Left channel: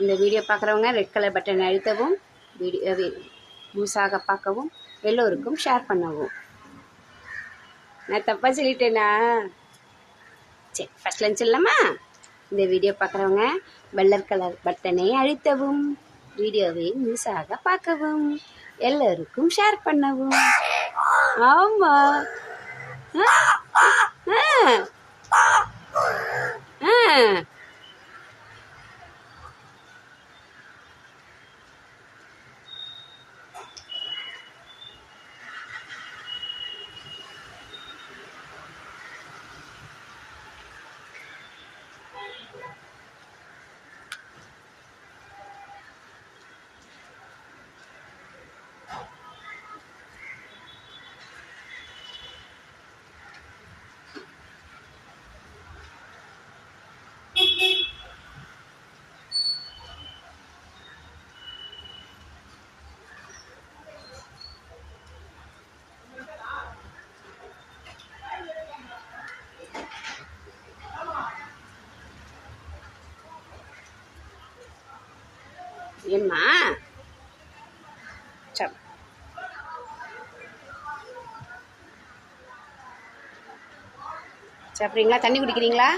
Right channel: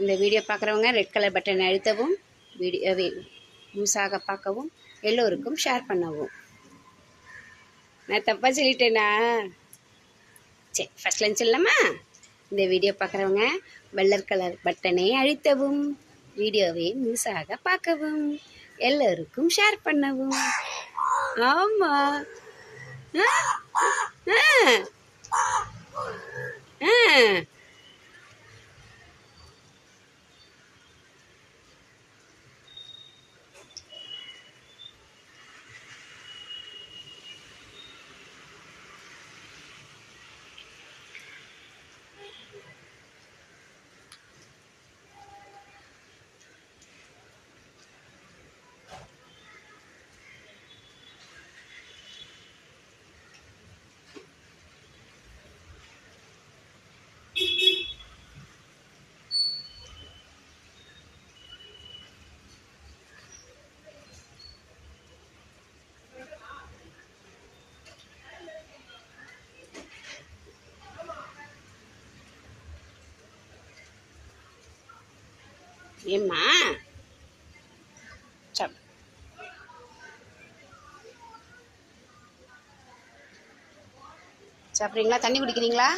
இந்த வீடியோ பார்க்குறவங்க red colour button அழுத்தவும் வீடியோவை முழுசாக பார்க்கவும் எல்லோருக்கும் ஷேர் பண்ணவும். நான் தப்பாக சொல்லிட்டேனா? சரி ஃபர்ஸ்ட் லஞ்ச் இல்லைம்மா. இந்த வீடியோ பார்க்குறவங்க வெள்ளர் கலர் பட்டனை அழுத்தவும் வீடியோவை முழுசாக பார்க்கவும் எல்லோருக்கும் ஷேர் பண்ணவும். ஆமாம் ஏம்மா? சப் சாப்பிட்றீங்களா? தண்ணி குடிக்கிறீங்களா?